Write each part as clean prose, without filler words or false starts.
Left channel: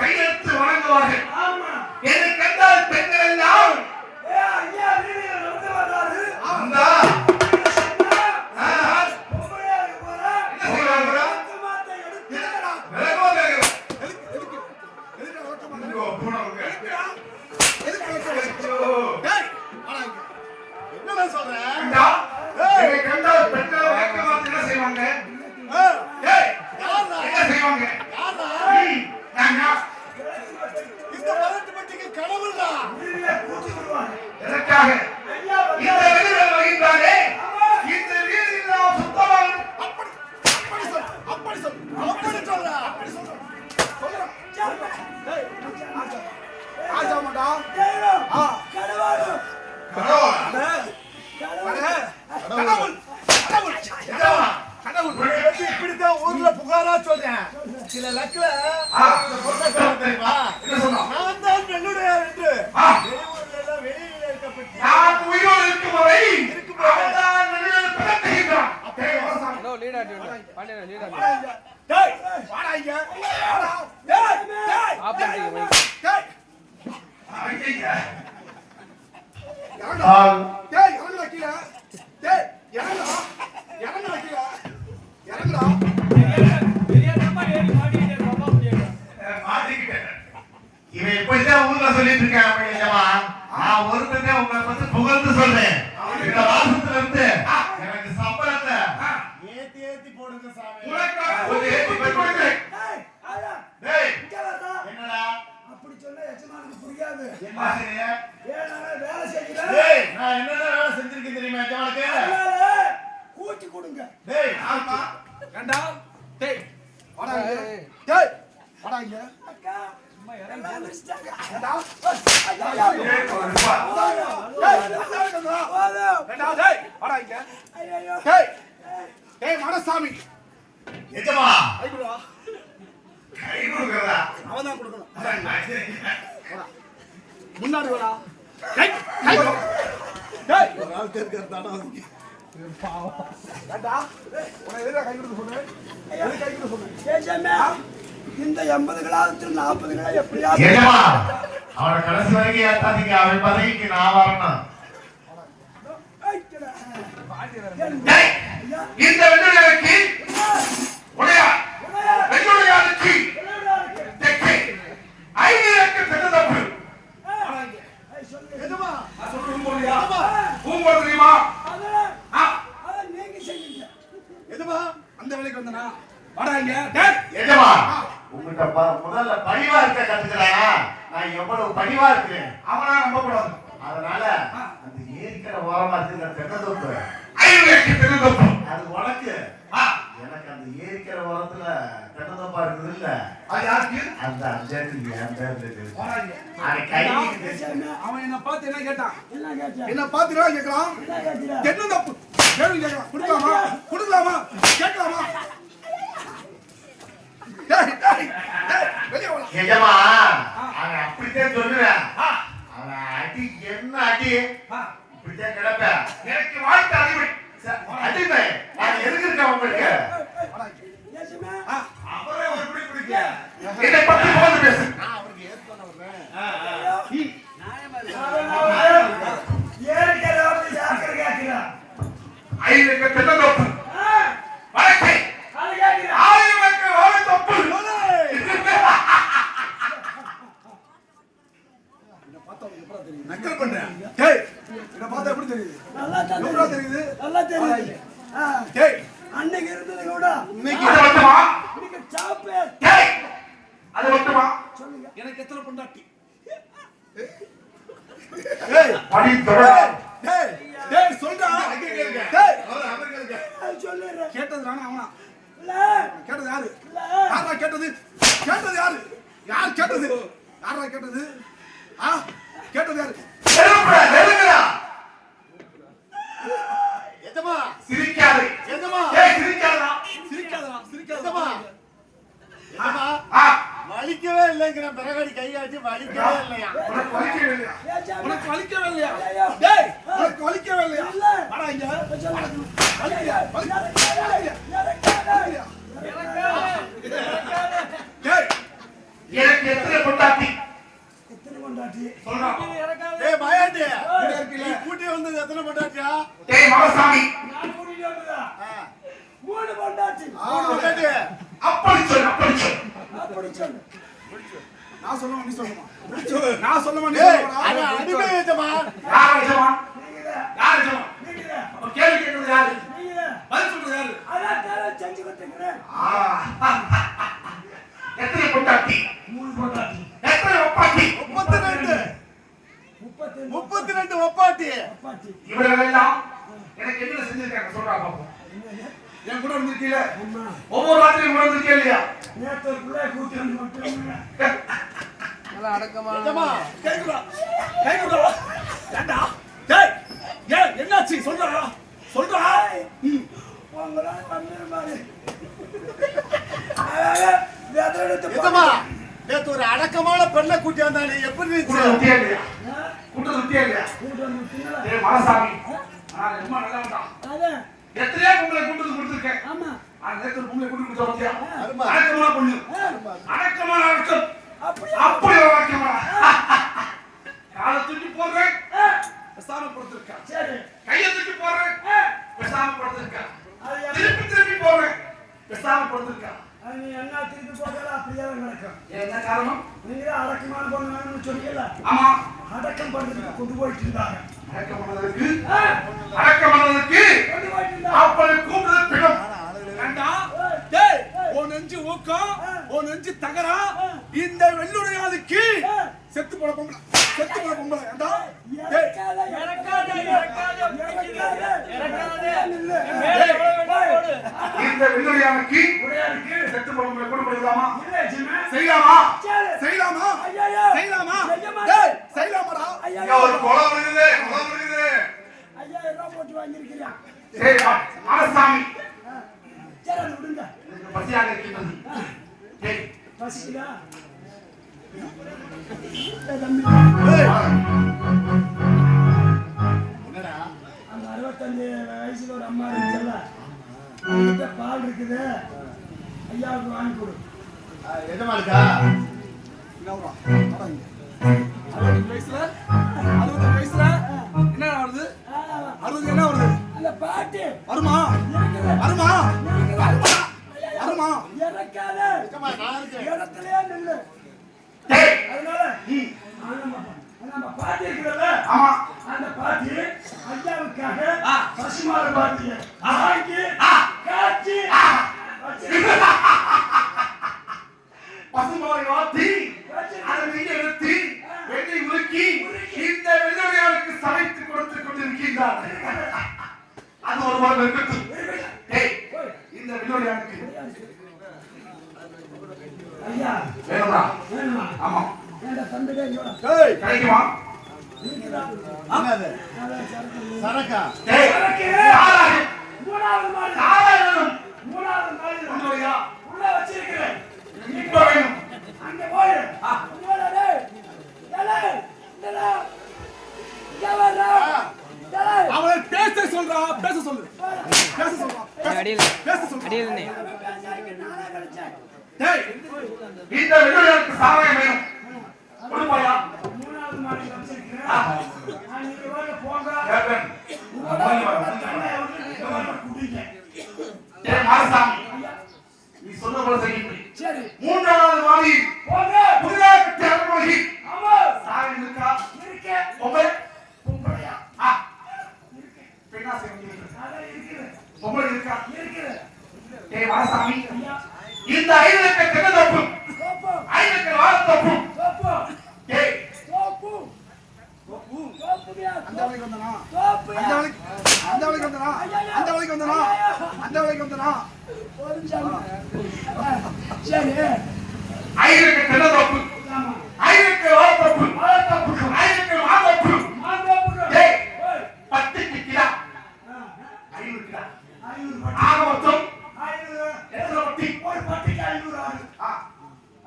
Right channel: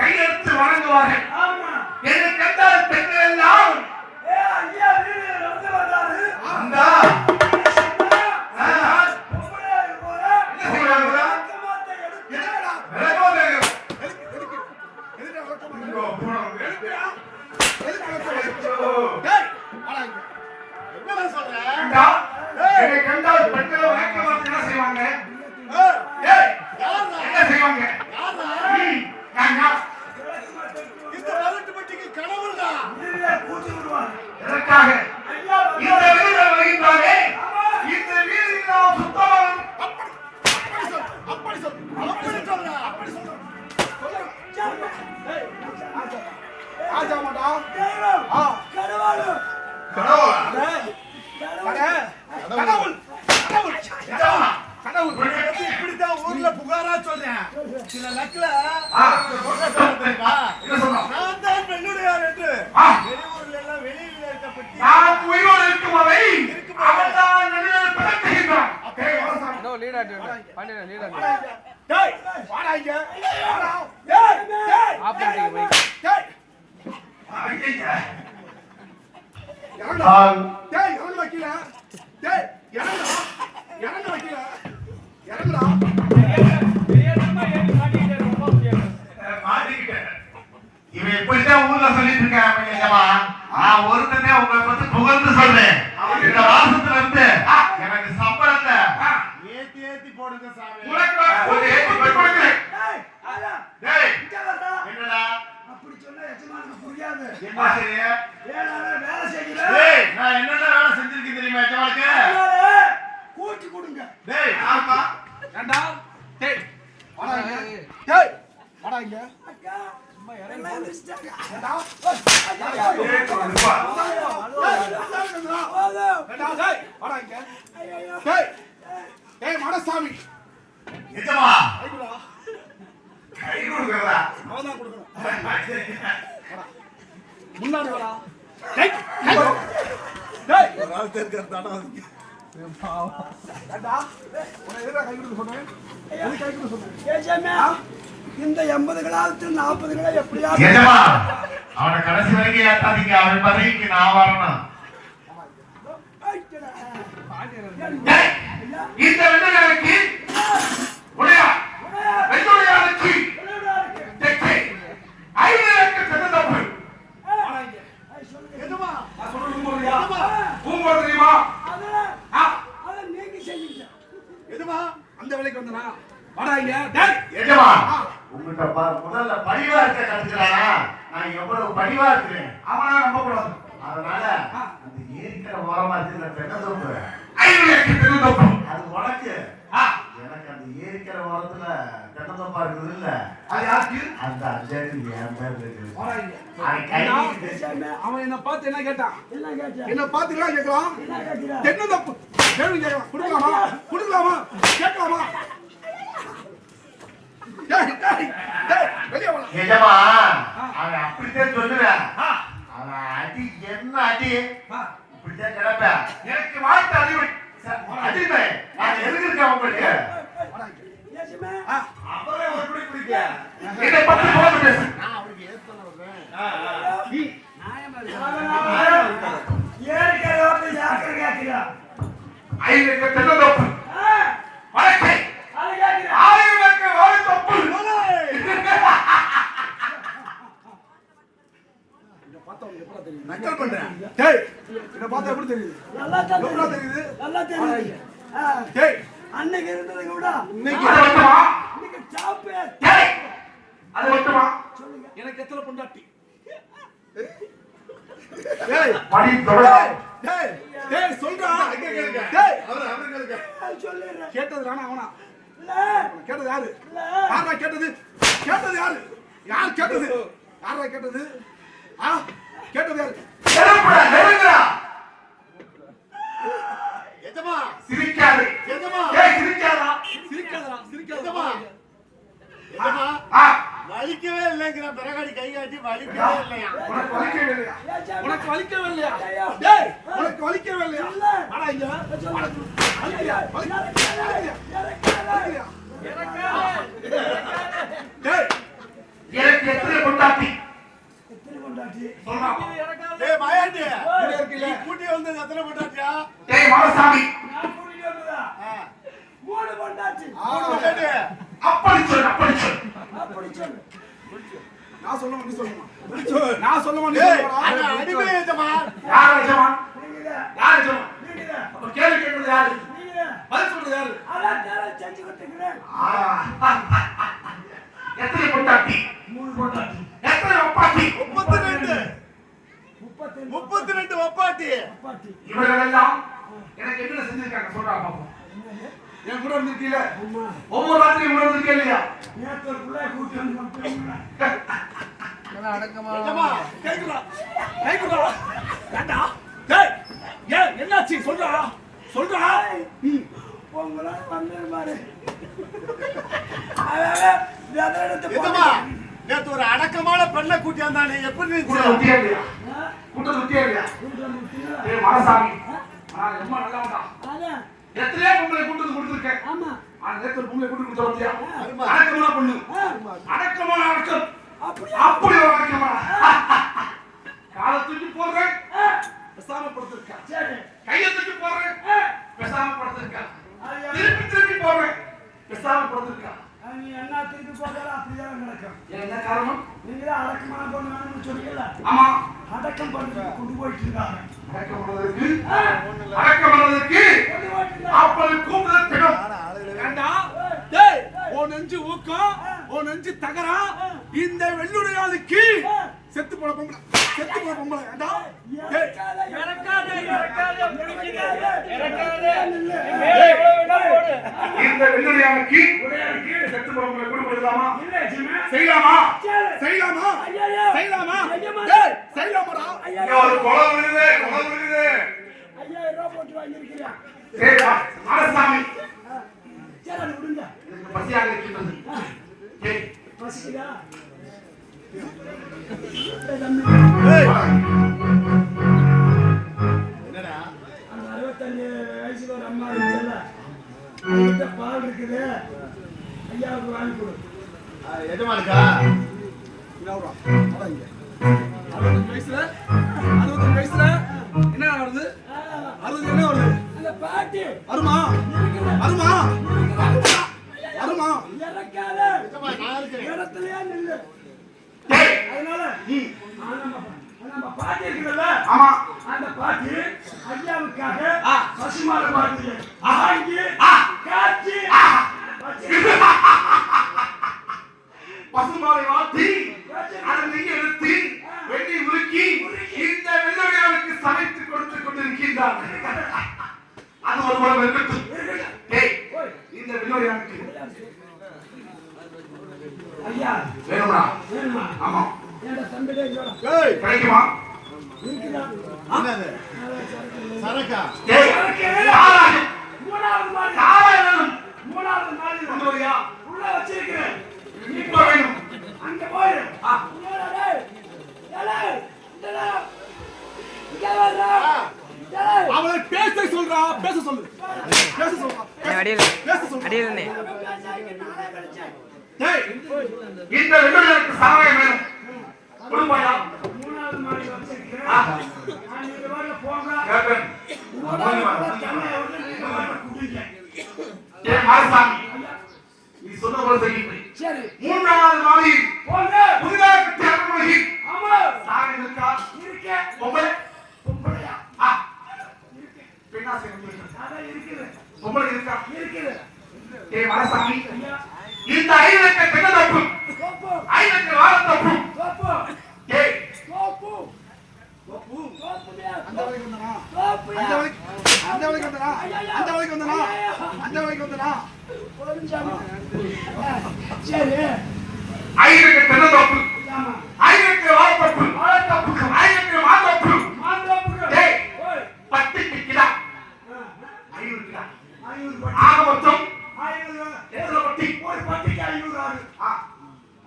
கையெழுத்து வழங்குவார்கள். என்னை கண்டால் பெண்கள் எல்லாம் ஊர்ல புகாரா சொல்றேன். சில லக்குல வெளியில் இருக்கப்பட்டு இவன் எப்படிதான் ஊர்ல சொல்லிட்டு இருக்கான். நான் ஒருத்தனே உங்களை பத்தி புகழ்ந்து சொல்றேன். இந்த மாசத்துல இருந்து எனக்கு சம்பளத்தை ஏத்தி ஏத்தி போடுங்க சாமி. என்னடா அப்படி சொன்னா எஜமானுக்கு புரியாது. என்ன சரியா வேலை செய்யறேன். நான் என்னடா வேலை செஞ்சிருக்கேன் தெரியுமா எஜமானுக்கு? கூட்டி கொடுங்க. டேய் ஆமா ஏண்டா டேய் வாடா டேய் வாடா இங்க அக்கா அம்மா இறங்க வந்துட்டாங்க. ஏண்டா டேய் டேய் வாடா இங்க. ஐயோ டேய் டேய் மாடசாமி எஜமா ஐகுடா கை கொடுக்கறதா அவதான் கொடுக்கணும். வாடா முன்னாடி வாடா டேய் டேய் ஒரு ஆள் தேர்க்கறதாடா பாவம். ஏண்டா உன எதிரா கை கொடுக்க சொன்னேன். எது கை கொடுக்க சொன்னேன்? ஏஜமா இந்த 80 கிலோத்துல 40 கிலோ எப்படியா ஏஜமா அவன கடைசி வரைக்கும் ஏத்தாதீங்க. அவன் பதவிக்கு நான் வரணும். டேய் இந்த வெள்ளருக்கு உடையா வெள்ளோடையாருக்கு தெக்கே ஐவருக்கு தந்தப்பு ஏஜமா நான் சொல்றது போறியா பூங்கோடு தெரியுமா? அந்த வேலைக்கு வந்தனா வாடா இங்க. டேய் எஜமா உங்கட்ட முதல்ல பணிவா இருக்க கத்துக்கறானா? நான் எவ்வளவு பணிவா இருக்கேன் அவனா நம்ப கூடாது. அதனால அந்த ஏரிக்கர ஓரமா இருக்கிற தென்னந்தோப்பு ஐவருக்கு தென்னந்தோப்பு அது உனக்கு. எனக்கு அந்த ஏரிக்கர ஓரத்துல தென்னந்தோப்பா இருக்குது இல்ல அது யாருக்கு? அந்த அஞ்சாக்கு என் பேர்ல இருக்கு. வாடா இங்க. அது கையில அவன் என்ன பார்த்து என்ன கேட்டான்? என்ன பார்த்து என்ன கேக்குறான்? தென்னந்தோப்பு கேள்வி கேக்குறான். குடுக்கலாமா குடுக்கலாமா கேட்கலாமா? டேய் டேய் டேய் வெளிய வா. ஏஜமா அவன் அப்படியே சொல்லுறான். அவன் அடி என்ன அடி இப்படியே கிடப்ப. எனக்கு வாழ்க்கை அடிமை அடிமை நான் எதுக்கு இருக்கேன் உங்களுக்கு? ஏஜமா அவரே ஒரு புடி பிடிக்க இத பத்தி போடு பேசு. நான் அவருக்கு ஏத்து வரேன். நீ ஏரிக்கர வந்து யாக்கற கேக்குறா ஐயருக்கு தென்னந்தோப்பு வடக்கே ஆயிரக்கு ஒரு தொப்பு. இத பார்த்தா உங்களுக்கு எப்படி தெரியும்? நக்கல் பண்றேன். டேய் இத பார்த்தா எப்படி தெரியுது? நல்லா தெரியுது. நல்லா தெரியுது. டேய் அன்னைக்கு இருந்தது கூட இன்னைக்கு வரட்டுமா? இன்னைக்கு சாப்பே. டேய் அது வரட்டுமா? சொல்லுங்க. எனக்கு எத்தனை பொண்டாட்டி? டேய் படி தொடர. டேய் டேய் சொல்றா. டேய் அவன் கேளுங்க. சொல்லிறேன். கேட்டது நானா அவனா? இல்ல கேட்டது யாரு? யாரா கேட்டது? கேட்டது யாரு? யார் கேட்டது? யாரா கேட்டது? கேட்டது யாரு? செருப்புடா நெருங்கடா. எஜமா சிரிக்காதே. எஜமா ஏய் சிரிக்காதடா. எஜமா எஜமா வலிக்கவே இல்லங்கற மரகாடி கை காட்டி வலிக்கவே இல்லையா? உனக்கு வலிக்கவே இல்லையா? உனக்கு வலிக்கவே இல்லையா? டேய் உனக்கு வலிக்கவே இல்லையா? வாடா இங்க. வலிக்கலையா? வலிக்கலையா? அப்படி சொல்லு அப்படி சொல்லு நான் சொல்லுமா நீ சொல்லுமா நான் சொல்லுமா நீ சொல்லுமா அடிமை எஜமான் யார் எஜமான் யார் எஜமான் அப்ப கேள்வி கேட்கிறது யாரு பதில் சொல்றது யாரு அதான் செஞ்சு கொடுத்துக்கிறேன் எத்தனை பொட்டாட்டி 3 பொட்டாட்டி எத்தனை ஒப்பாட்டி 32 ஒப்பாட்டி இவர்கள் எல்லாம் எனக்கு என்ன செஞ்சிருக்காங்க சொல்றா பாப்போம் என் கூட இருந்திருக்கீல ஒவ்வொரு ராத்திரியும் கூட இருந்திருக்கே இல்லையா நேத்து புள்ள கூட்டி வந்து மட்டும் நல்லா அடக்கமா கேக்குதா ஏண்டா டேய் ஏய் என்னாச்சு சொல்றா உங்களா பண்ணு மாதிரி நேத்து ஒரு அடக்கமான பெண்ணை கூட்டி வந்தானே எப்படி கூட்ட இல்லையா மனசாமி ரொம்ப நல்லவன்டா எத்தனையோ பொங்கலை கூட்டு கொடுத்துருக்கேன் ஆமா நேற்று பொங்கலை கூட்டு கொடுத்தா அடக்கமான பொண்ணு அடக்கமான அடக்கம் அப்படி ஒரு அடக்கமான காலை தூக்கி போடுறேன் பேசாம படுத்திருக்கா கையை தூக்கி போடுறேன் பேசாம படுத்திருக்கா திருப்பி போடுறேன் பேசாம படுத்திருக்கா நீ என்ன திருப்பி போட்டா அப்படியே நடக்கும் என்ன காரணம் நீங்க தான் அடக்கமான பொண்ணு வேணும்னு சொன்னீங்கல்ல ஆமா அடக்கம் பண்ணி கொண்டு போயிட்டு இருக்காங்க அடக்கம் பண்ணதுக்கு அப்படி கூப்பிடுறது பிடம் ஏண்டா டேய் ஓ நெஞ்சு ஊக்கம் ஓ நெஞ்சு தகரா இந்த வெள்ளுடையாளுக்கு செத்து போன பொம்பளை ஏண்டா டேய் இந்த வெள்ளுடையாளுக்கு செத்து போன பொம்பளை கூட போடலாமா செய்யலாமா டேய் செய்யலாமாடா இங்க ஒரு குளம் விழுது ஐயா ரூபாய் போட்டு வாங்கிருக்கீங்க சரி மனசாமி சரி விடுங்க பசியாக இருக்கின்றது டேய் பசிக்குதா என்னடா அந்த 65 வயசுல ஒரு அம்மா இருக்குல்ல அவங்கிட்ட பால் இருக்குது ஐயாவுக்கு வாங்கி கொடு எஜமானுக்கா வயசுல 65 வயசுல என்ன வருது 60 என்ன வருது அந்த பாட்டு வருமா இறக்காத இடத்துலயே நில்லு அதனால நம்ம பாட்டி இருக்குல்ல ஆமா அந்த பாட்டி ஐயாவுக்காக பசுமாட பாட்டி வாங்கி காய்ச்சி பசுமாலை வாத்தி அதை நீங்க எடுத்து வெட்டி உருக்கி இந்த வெள்ளையாளுக்கு சமைத்து கொடுத்து கொண்டிருக்கின்றார் அது ஒரு முறை இருக்கட்டும் டேய் இந்த வெள்ளையாளுக்கு ஐயா வேணுமா ஆமா ஏண்டா தம்பிடே இங்கடா டேய் கிடைக்குமா இருக்குடா என்னது சரக்கா டேய் சாராயம் மூணாவது மாடி சாராயம் மூணாவது மாடி கொண்டு போயா உள்ள வச்சிருக்கேன் இப்போ வேணும் அங்க போய் இங்கடா டேய் டேய் டேய் அவளை பேச சொல்லு அடியில் டேய் இந்த வெள்ளையாளுக்கு சாராயம் வேணும் கொடுப்பாயா மூணாவது மாடி வச்சிருக்கேன் நான் இந்த வர போங்க கேப்பேன் குடிங்க டேய் மாரசாமி நீ சொன்ன போல செய்யுங்கள் சரி மூன்றாவது மாடியில் போங்க புதிதாக கட்டிய அரண்மனையில் ஆமா சாராயம் இருக்கா இருக்கு பொம்பளையா பெண்ணா சேர்ந்து அதான் இருக்குது பொம்பளை இருக்கா இருக்குது டேய் மாரசாமி ஐயா இந்த 5 லட்ச தென்னந்தோப்பு கோப்பு 5 லட்ச வாழைத்தோப்பு கோப்பு டேய் கோப்பு அந்த வழிக்கு வந்தனா அந்த வழிக்கு வந்தனா சரி 5 லட்ச தென்னந்தோப்பு ஆமா 5 லட்ச வாழைத்தோப்பு 5 லட்ச மாந்தோப்பு மாந்தோப்புக்கு டேய் 10 கிலோ 5 கிலோ ஆக மொத்தம் எத்தனை பட்டி ஒரு பட்டிக்கு 500 ஆகுது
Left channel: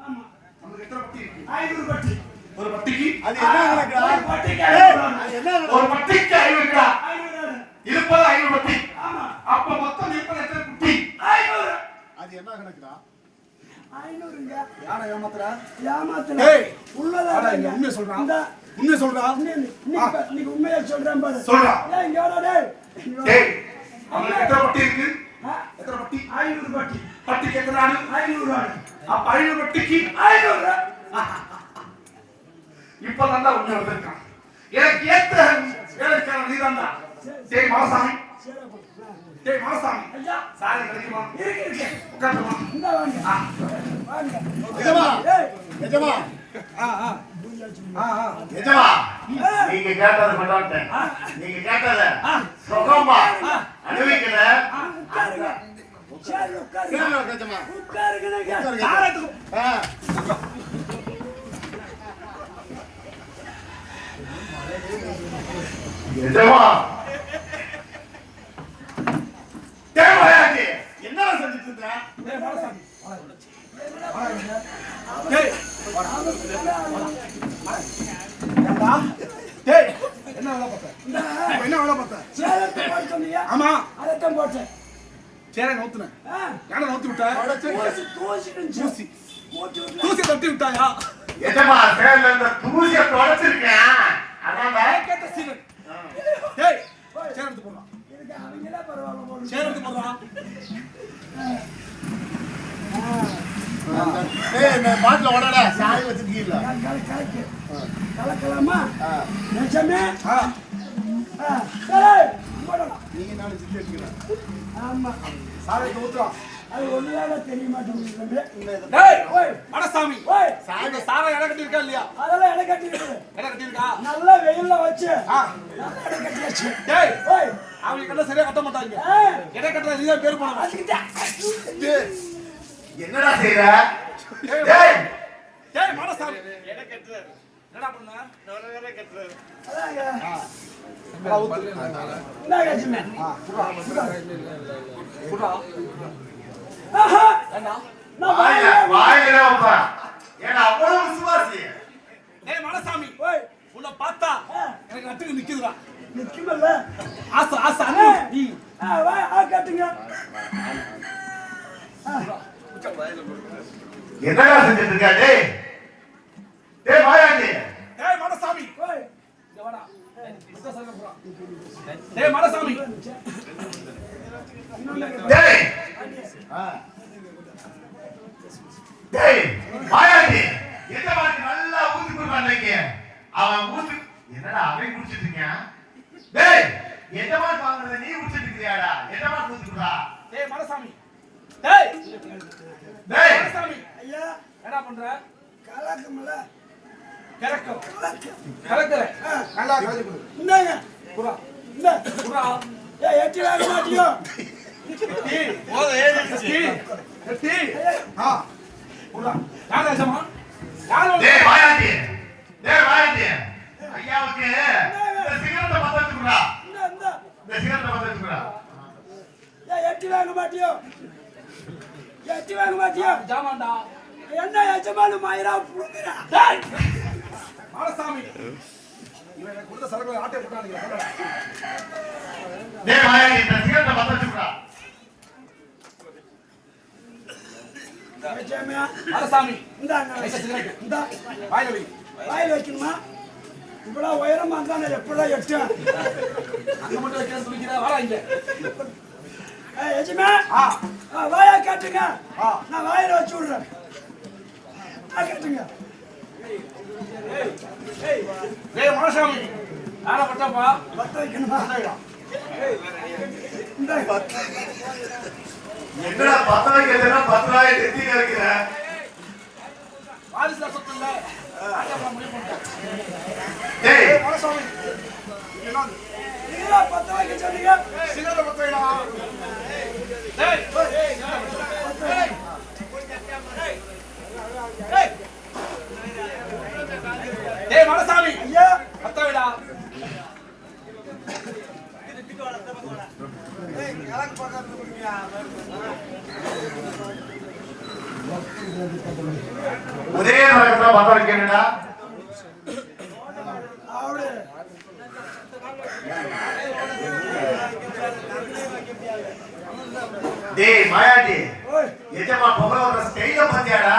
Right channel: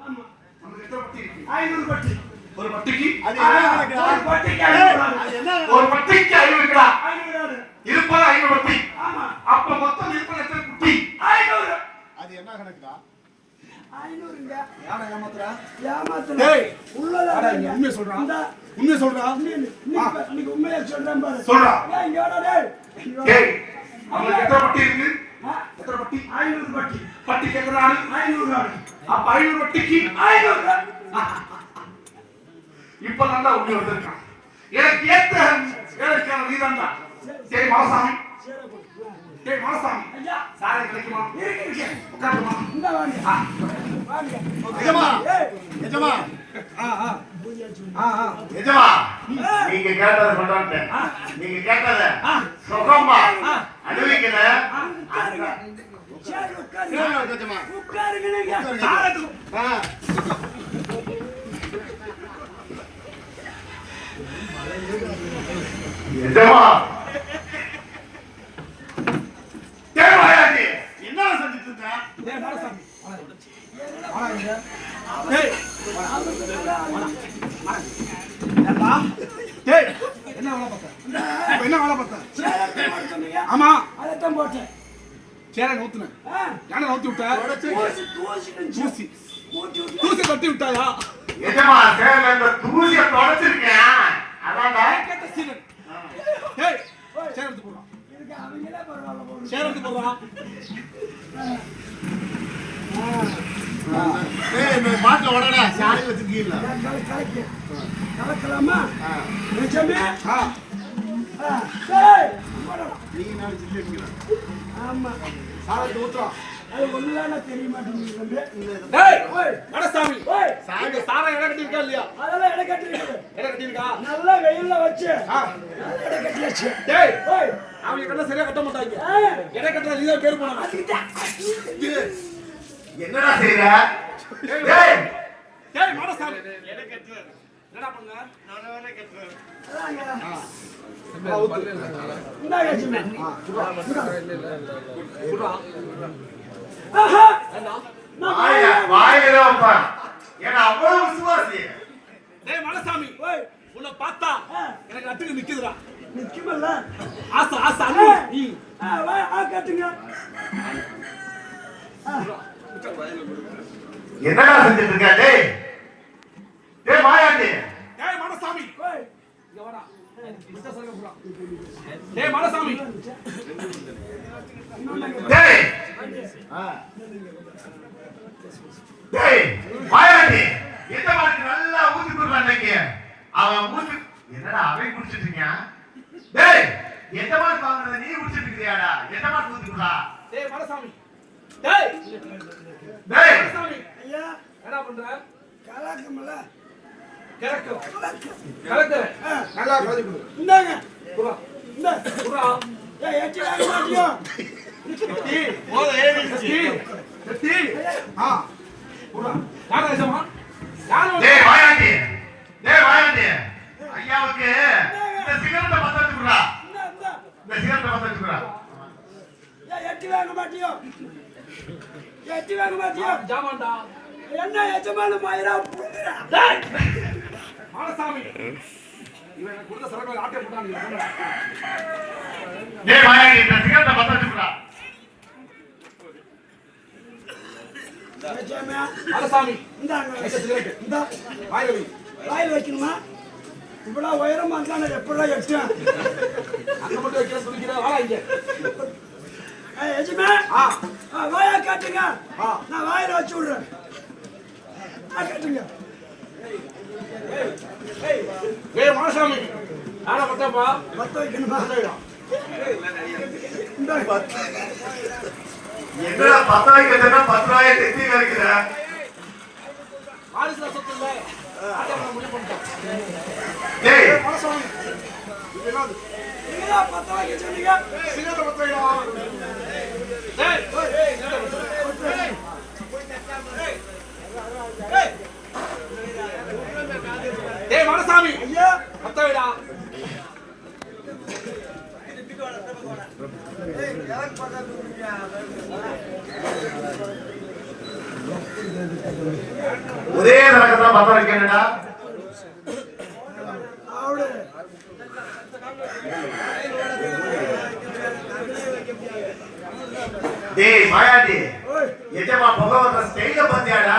ஆமா நமக்கு எத்தனை பட்டி இருக்கு 500 பட்டி ஒரு பட்டிக்கு அது என்ன கணக்கு ஒரு பட்டிக்கு 500 ஆகுது ஒரு பட்டிக்கு 5 கிலோ 500 இருப்பது 5 பட்டி ஆமா அப்ப மொத்தம் இருப்பது எத்தனை குட்டி 500 அது என்ன கணக்குடா 500ங்க யாரை ஏமாத்துறா ஏமாத்துற டேய் உள்ளதா உண்மையை சொல்றான் இந்த உண்மையை சொல்றான் இன்னைக்கு உண்மையை சொல்றேன் பாரு சொல்றா ஏய் இங்கடா டேய் டேய் நமக்கு எத்தனை பட்டி இருக்கு எத்தனை பட்டி? 500 பட்டி. பட்டிக்கு எத்தனை ஆணி? 500 ஆணி. அப்ப 500 பட்டிக்கு 500. இப்ப தான் உண்மை வந்திருக்கான். எனக்கு ஏத்த வேலைக்கான நீதான்டா. ஜெய் மாசாமி. ஜெய் மாசாமி. ஐயா. சாலை கிடைக்குமா? இருக்கு. உட்காருமா. இந்த வாங்க. வாங்க. எஜமா ஏய். எஜமா எஜமா நீங்க கேட்டதை கொண்டாட்டேன். நீங்க கேட்டதை சுகமா அனுபவிக்கல. உட்காருங்க. சேர்ல உட்காருங்க. உட்காருங்க நீங்க. சாலைக்கு எஜமா தேவாயாஜி என்ன செஞ்சிட்டு இருக்க? டேய் மாசாமி. டேய் ஏண்டா? டேய் என்ன வேலை பார்த்த? என்ன வேலை பார்த்த? சேர்ல போடுங்க. ஆமா அதத்தான் போட்டேன். சேரை நவுத்துன. யானை நவுத்தி விட்ட? தூசி. தூசி தட்டி விட்டாயா? எஜமா சேர்ல இந்த தூசியை தொடச்சிருக்கேன். அதான்டா கேட்ட சீனன். டேய் சேரை எடுத்து போடுறா. இதுக்கு அவங்களே பரவாயில்ல போடுங்க. சேரை எடுத்து போடுறா. பாட்டில் உடனே சாரி வச்சிருக்கீங்களா? கலக்கலாமா? நிஜமே? ஆ சரி. நீங்க நாலு சில்லி வைக்கிறேன். ஆமா. சாலைக்கு ஊத்துறா. அது ஒண்ணுதானே தெரிய மாட்டேங்குது. டேய் ஓய் மனசாமி. ஓய், இந்த சாரை இடம் கட்டி இருக்கா இல்லையா? அதெல்லாம் இடம் கட்டிருக்கு. இடம் கட்டி இருக்கா? நல்லா வெயில்ல வச்சு ஆ நல்லா இடம் கட்டி வச்சு. டேய் ஓய், அவங்க கட்ட சரியா கட்ட மாட்டாங்க. ஆ, இடம் கட்டல நீ தான் பேர் போனா. அதுக்கிட்ட. என்னடா செய்யற? டேய் டேய் மனசாமி. இடம் கட்டுற. என்னடா பண்ண? அதாங்க. ஊத்து. இந்தா கட்சிமே. புடா. ஆஹா, என்ன? நான் வாயில வாயில- வாயில வைப்பா. ஏன்னா அவ்வளவு விசுவாசி. டேய் மனசாமி. ஓய், உன்னை பார்த்தா ஆ, எனக்கு அட்டுக்கு நிக்குதுடா. நிக்குமல்ல? ஆசை ஆசை ஆ, அண்ணி. வாய், கட்டுங்க. என்னடா செஞ்சுட்டு இருக்க? டேய் டேய் மாயாண்டி. டேய் மனசாமி. ஓய், இங்க வாடா. இந்த சைடுல போடா. டேய் மனசாமி. டேய் டேய் மாயாண்டி. எந்த மாதிரி நல்லா ஊத்தி கொடுறான் இன்னைக்கு. அவன் ஊத்தி என்னடா அவன் குடிச்சிட்டு இருக்கான்? டேய் எந்த மாதிரி வாங்குறத நீ குடிச்சிட்டு இருக்கியாடா? எந்த மாதிரி ஊத்தி கொடுறா? டேய் மனசாமி. டேய் டேய் மனசாமி. ஐயா, என்ன பண்ற? கலக்கமல்ல? கரெக்ட். கரெக்ட். நல்லா கலந்து கொடு. இந்தாங்க. புடா. இந்த. புடா. ஏய், எட்டி வாங்க மாட்டியோ? கட்டி. போத ஏறிடுச்சு. கட்டி. ஆ. புடா. யார் ஏசமா? யார் டேய் மாயாண்டி. டேய் மாயாண்டி. ஐயாவுக்கு இந்த சிகரெட்டை பத்த வச்சு கொடுறா. இந்த. இந்த சிகரெட்டை பத்த வச்சு கொடுறா. ஏய், எட்டி வாங்க மாட்டியோ? எட்டி வாங்க மாட்டியோ? ஜாமான்டா. என்ன எஜமான மாயிரா புடுங்கடா. டேய் மனசாமி. இவன் எனக்கு கொடுத்த சரக்கு ஆட்டை போட்டானுங்க. டேய் மாயாண்டி இந்த சிகரெட்டை பத்த வச்சு கொடுறா. எஜமா, மனசாமி. இந்தாங்க. ஐயா சிகரெட். இந்த. வாயில வை. வாயில் வைக்கணுமா? இவ்வளவு உயரமா இருந்தா நான் எப்படிலாம் எட்டேன்? அங்க மட்டும் வைக்கிற சொல்லிக்கிறா. வாடா இங்க. ஏய், எஜமா, ஆ. வாயா காட்டுங்க. ஆ. நான் வாயில வச்சு விடுறேன். காட்டுங்க. டேய் மனசாமி. யாரை பட்டாப்பா? பத்த வைக்கணுமா? இந்த. என்னடா பத்த வைக்கிறதுனா 10 ரூபாய் தெத்தி கறக்குற. வாரிசுல சொத்து இல்ல. ஆட்டை முடிவு பண்ணிட்டோம். டேய் டேய் மனசாமி. இது என்னது? நீங்களா பத்த வைக்க சொன்னீங்க? சிகரெட்டை பத்த வைடா. டேய். டேய் மனசாமி. ஐயா, பத்த வைடா. ஒரே நரகத்துல பத்த வைக்கணும்டா. அவடு. டேய் மாயாண்டி. ஓய், எஜமா புகை வர ஸ்டைல பாத்தியாடா?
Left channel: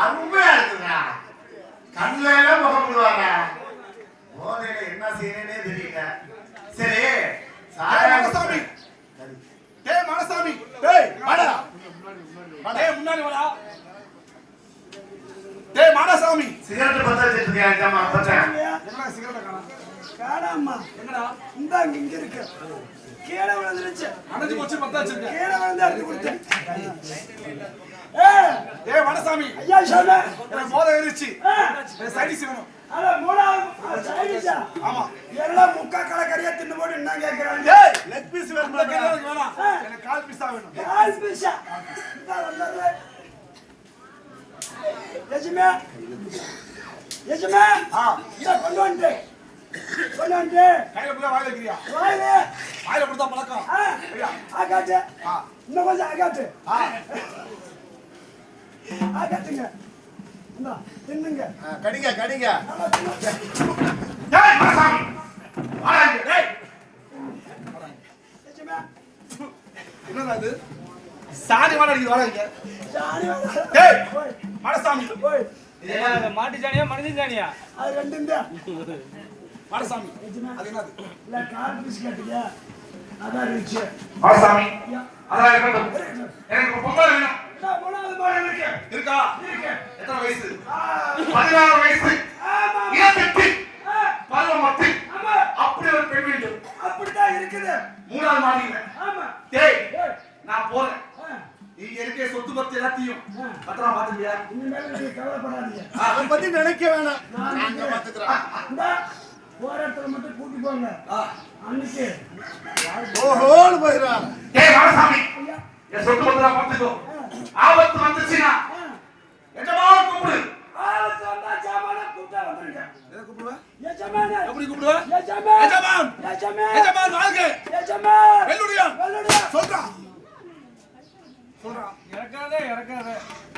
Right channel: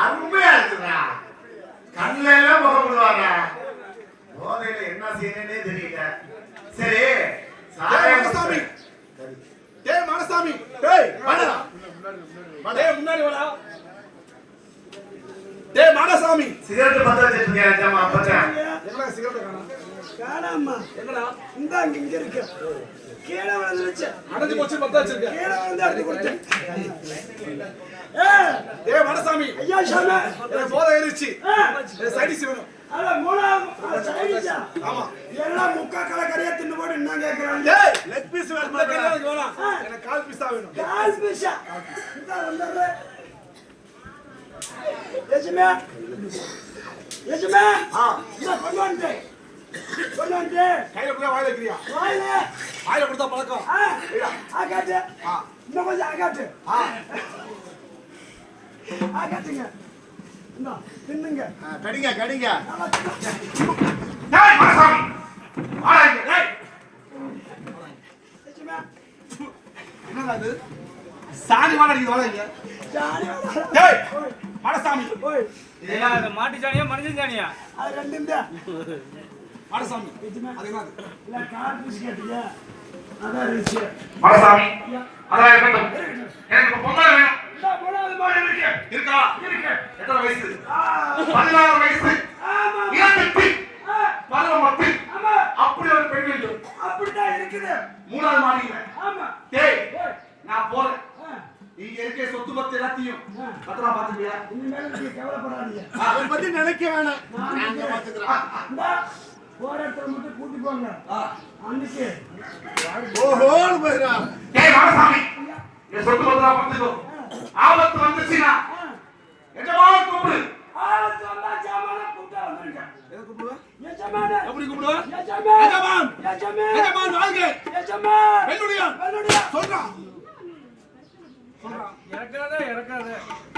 அருமையா இருக்குடா. கண்ணுல எல்லாம் புகை விடுவாங்க. போதையில என்ன செய்யணும்னே தெரியல. சரி சாராயம் மனசாமி. டேய் மாடசாமி டேய் வாடா. டேய் முன்னாடி வாடா. டேய் மாடசாமி சிகரெட் பத்த வச்சிட்டு இருக்கியா ஜாமா பச்சன்? எங்கடா சிகரெட் காணோம்? காணாமா எங்கடா? இந்த இங்க இருக்கு. கீழே விழுந்துருச்சு. அடைஞ்சு போச்சு பத்த வச்சிருக்க. கீழே விழுந்து எடுத்து கொடுத்தேன். டேய் மாடசாமி ஐயா சாமி. எனக்கு போதை ஏறிச்சு. சைடிஸ் வேணும். அட மூணாவது சைடிஷா. ஆமா. எல்லாம் முக்கா கலக்கறியா தின்னு போட்டு என்ன கேக்குறாங்க? டேய் லெக் பீஸ் வேணுமா? எனக்கு வேணாம். எனக்கு கால் பீஸ் தான் வேணும். கால் பீஸா. இந்த வந்தற. எஜமே. எஜமே. இத கொண்டு வந்து. கொண்டு வந்து. கையில கூட வாயில வைக்கிறியா? வாயிலே. வாயில கொடுத்தா பழக்கம். ஆகாட்டு. இன்னும் கொஞ்சம் ஆகாட்டு. ஆகாட்டுங்க. இந்தா தின்னுங்க. கடிங்க கடிங்க. டேய் மாடசாமி வாடா இங்க. டேய் எஜமே. என்னடா இது? சாணி வாடா நீ வாடா இங்க. ஜானி வர. டேய் மாடசாமி ஓய். ஏன்னா அது மாட்டு சாணியா மனுஷன் சாணியா? அது ரெண்டும் தான். மாடசாமி அது என்னது? இல்ல கால் பீஸ் கேட்டியா? அதான் ருசி. மாடசாமி அதான் இருக்கட்டும். எனக்கு பொங்கல் வேணும். இந்த மூணாவது மாடு இருக்கு. இருக்கா? இருக்கு. எத்தனை வயசு? 16 வயசு. ஆமா. இளத்தெட்டு. பருவமத்து. ஆமா. அப்படி ஒரு பெண் வேண்டும். அப்படிதான் இருக்குது. 3வது மாடியில. ஆமா. டேய் ஏய். நான் போறேன். ஆ. இங்க இருக்க சொத்து பத்து எல்லாத்தையும் பத்திரமா பாத்துக்கியா? இனிமேல் நீங்க கவலைப்படாதீங்க. அதை பத்தி நினைக்க வேணாம். நான் நாங்க பாத்துக்கிறோம். இந்த போராட்டத்தை மட்டும் கூட்டி போங்க. அன்னைக்கு ஓஹோன்னு போயிடுறான். டேய் மாடசாமி என் சொத்து பத்திரமா பாத்துக்கோ. ஆபத்து வந்துச்சுன்னா எஜமா கூப்பிடு. ஆபத்து வந்தா ஜாமான கூட்டா வந்துருங்க. எதை கூப்பிடுவ? எஜமானே. எப்படி கூப்பிடுவ? எஜமான். எஜமான். எஜமான். எஜமான் வாழ்க. எஜமான். வெள்ளுடியான். வெள்ளுடியான். சொல்றா. இறக்காத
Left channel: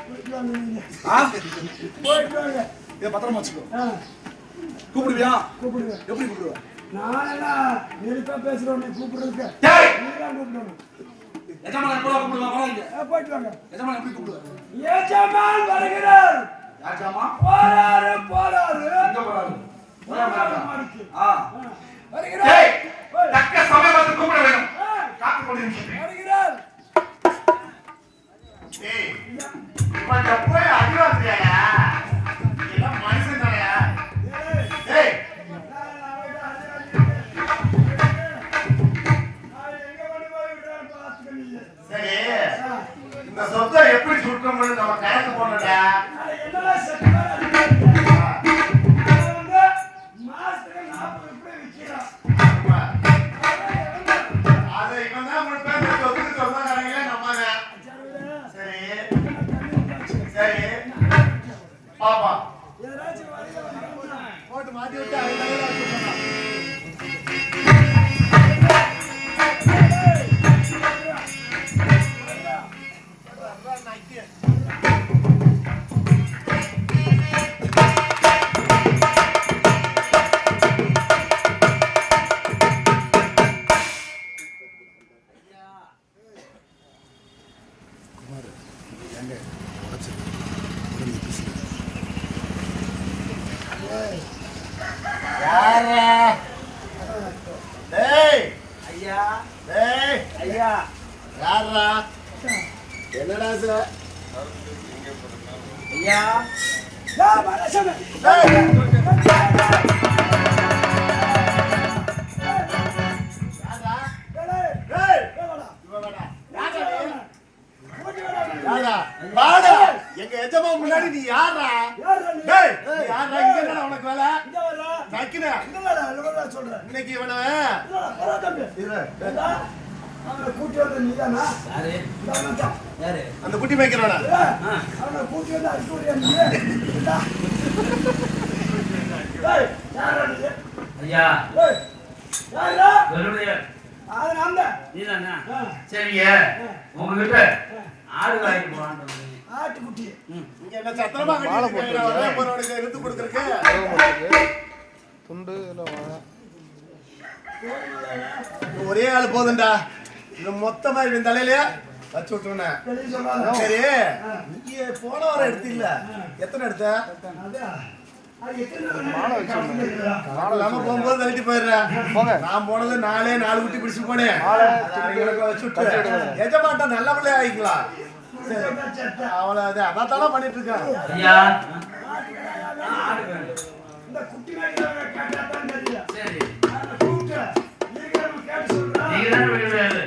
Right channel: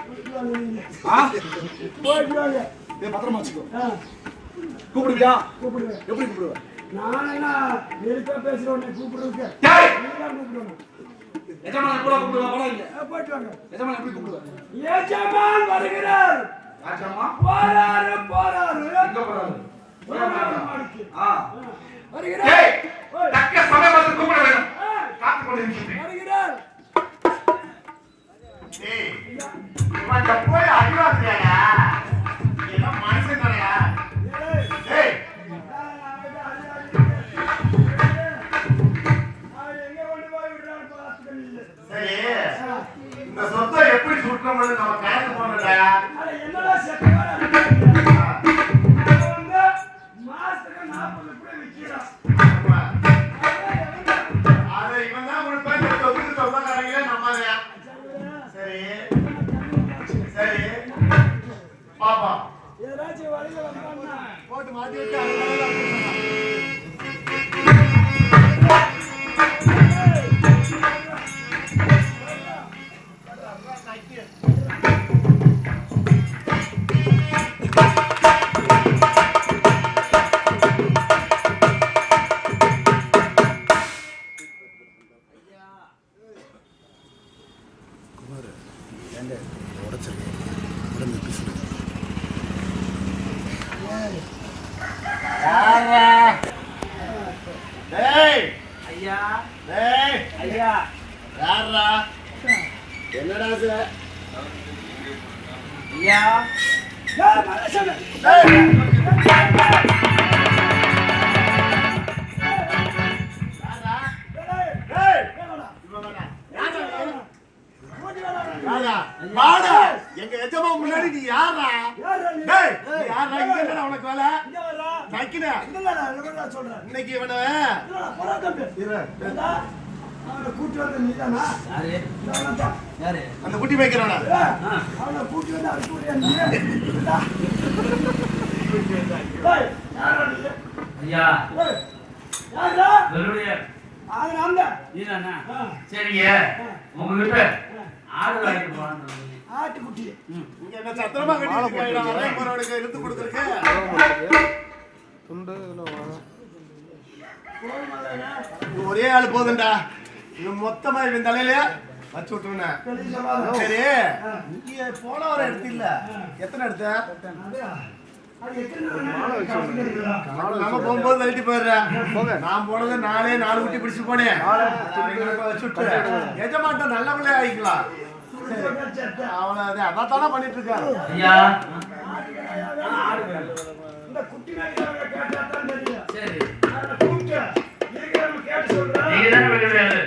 போயிட்டு வாங்க நீங்க. ஆ? போயிட்டு வாங்க. இதை பத்திரமா வச்சுக்கோ. ஆ, கூப்பிடுவியா? கூப்பிடுவேன். எப்படி கூப்பிடுவ? நானெல்லாம் நெருப்பா பேசுறவனை கூப்பிடுறதுக்கு டேய் நீதான் கூப்பிடணும். எஜமான் எப்படி கூப்பிடுவா? வராங்க. போயிட்டு வாங்க. எஜமான் எப்படி கூப்பிடுவ? எஜமான் வருகிறார். ராஜாமா போறாரு போறாரு. எங்க போறாரு? மூணாவது மாடிக்கு. ஆ. வருகிறார். டேய் ஓய். தக்க சமயம் வந்து கூப்பிட வேணும். ஆ, காத்து கொண்டு இருக்கிறேன். வருகிறார். ஏய், இப்ப இந்த போய் அடிவாக்குறியாடா? எல்லாம் மனுஷன் தானேடா? ஏய், ஏய், நான் எங்க கொண்டு போய் விடுறேன்னு பார்த்துக்க நீ. சரி, ஆ, இந்த சொத்தை எப்படி சுற்றணும்னு நம்ம கணக்கு போடணும்டா. நான் என்னடா செட்டா நான் வந்து மாசத்துக்கு 40 ரூபாய் விற்கிறோம். ஆமா. அதான் எவ்வளவு? அதை இவன் தான் முழுப்பேன் சொத்துக்கு சொந்தக்காரங்களே நம்மதான். சரி சரி பாப்பா ஏதாச்சும் வழியில வந்தான்னா போட்டு மாட்டி விட்டு அங்கே டேய் ஐயா டேய் ஐயா யாரா என்னடா சார் ஐயா யார் மனுஷன்? டேய் டேய், டேய் வேணாடா. இவன் வேணா ஓடி வேணாடா. யாரா வாடா எங்க எஜமா முன்னாடி நீ யாரா யார்டா நீ? டேய் நீ யாரா இங்க என்னடா உனக்கு வேலை இங்க வர்றா. சைக்கினா இல்லடா, இல்லடா சொல்றேன். இன்னைக்கு இவனை இல்லடா, போடா தம்பி. இரு ஏண்டா? அவனை கூட்டி வந்த நீதானா? யாரு இந்த அவன்தான். யாரு அந்த குட்டி மேய்க்கிறானா ஏய், அவனை கூட்டி வந்து அனுப்பி விடுறியா நீ? ஏண்டா? ஏய், யார்டா நீ? ஐயா ஏய், யார்டா? வெள்ளுடையார் அது நான்தான். நீதானா ஆ, சரிங்க உங்ககிட்ட ஆடு வாங்கிட்டு போறான்னு சொன்னீங்க. ஆட்டுக்குட்டி. இங்க என்ன சத்திரமா கட்டிட்டு வரேன் போறவனுக்கு எடுத்து கொடுத்துருக்கு ஒரே ஆள் போதும்டா இது மொத்தமா இவன் தலையில வச்சு விட்டுருனேன் தெளிவு சொல்லாத. சரி நீங்க போன வாரம் எடுத்து இல்ல எத்தனை எடுத்த அதையா? அது எத்தனை நாள் இருக்குதா? இல்லாம போகும்போது தள்ளிட்டு போயிடுறேன். நான் போனது 4 குட்டி பிடிச்சு போனேன். சுட்டு எஜமாட்ட நல்ல பிள்ளை ஆயிக்கலாம். அவளை அதான் தானே பண்ணிட்டு இருக்கேன். ஐயா இந்த குட்டி நாய்க்காக கேட்டா தான் தெரியும். சரி நான் கூப்பிட்டு நீங்க கேட்டு சொல்றேன். நீங்க தானே வெளியிடாது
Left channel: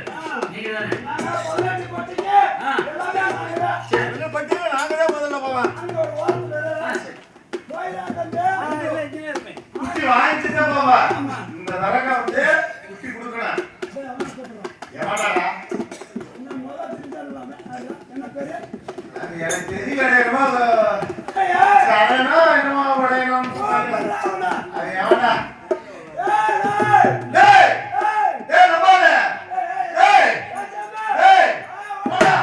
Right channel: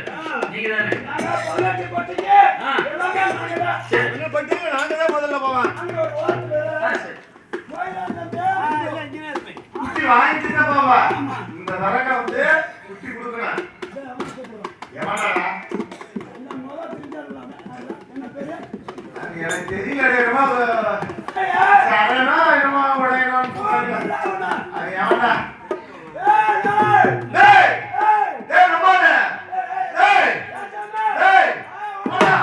நீங்க தானே நான் பல்லாட்டி போட்டீங்க. எல்லாமே நாங்க சரி என்ன பண்ணிட்டு நாங்க தான் முதல்ல போவேன். அங்க ஒரு வார்த்தை சரி குட்டி வாங்கிட்டு தான் போவேன். இந்த தரங்க வந்து குட்டி கொடுக்கணும். எவனாடா? அது எனக்கு தெரியல. என்னமோ சரணோ என்னமோ உடையணும்னு சொன்னாங்க. அது எவன்டா? டேய் டேய் நம்பாத. டேய் டேய் போடா.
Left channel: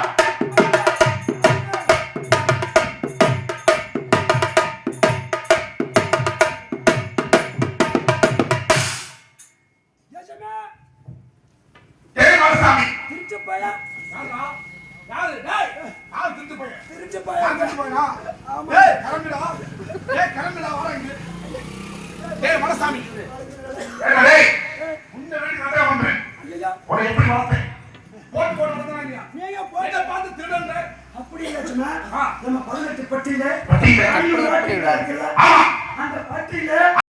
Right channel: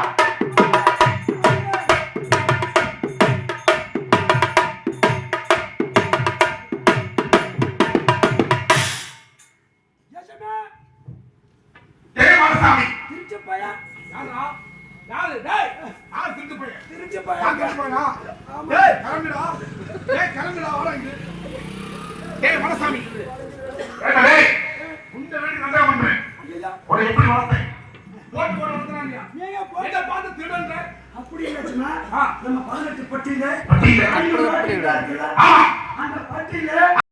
டேய் மரசாமி. திருச்சி பையன் யாருடா? யாரு? டேய், யார் திருட்டு பையன்? திருச்சி யார் பையன் திருட்டு பையனா? டேய், கிளம்புடா. டேய், கிளம்புடா, வர இங்க. டேய், மனசாமி. ஏண்டா டேய் உன்னை வேண்டி நல்லா பண்றேன். உன்னை எப்படி வளர்த்தேன்? போட்டு போட்டு வளர்த்தனா இல்லையா? நீங்க போய் இதை பார்த்து திருடன்ற. அப்படி இல்லைன்னா ஆ. நம்ம 18 பட்டியில பட்டியில. 500 இருக்குல்ல ஆமா. அந்த பட்டியில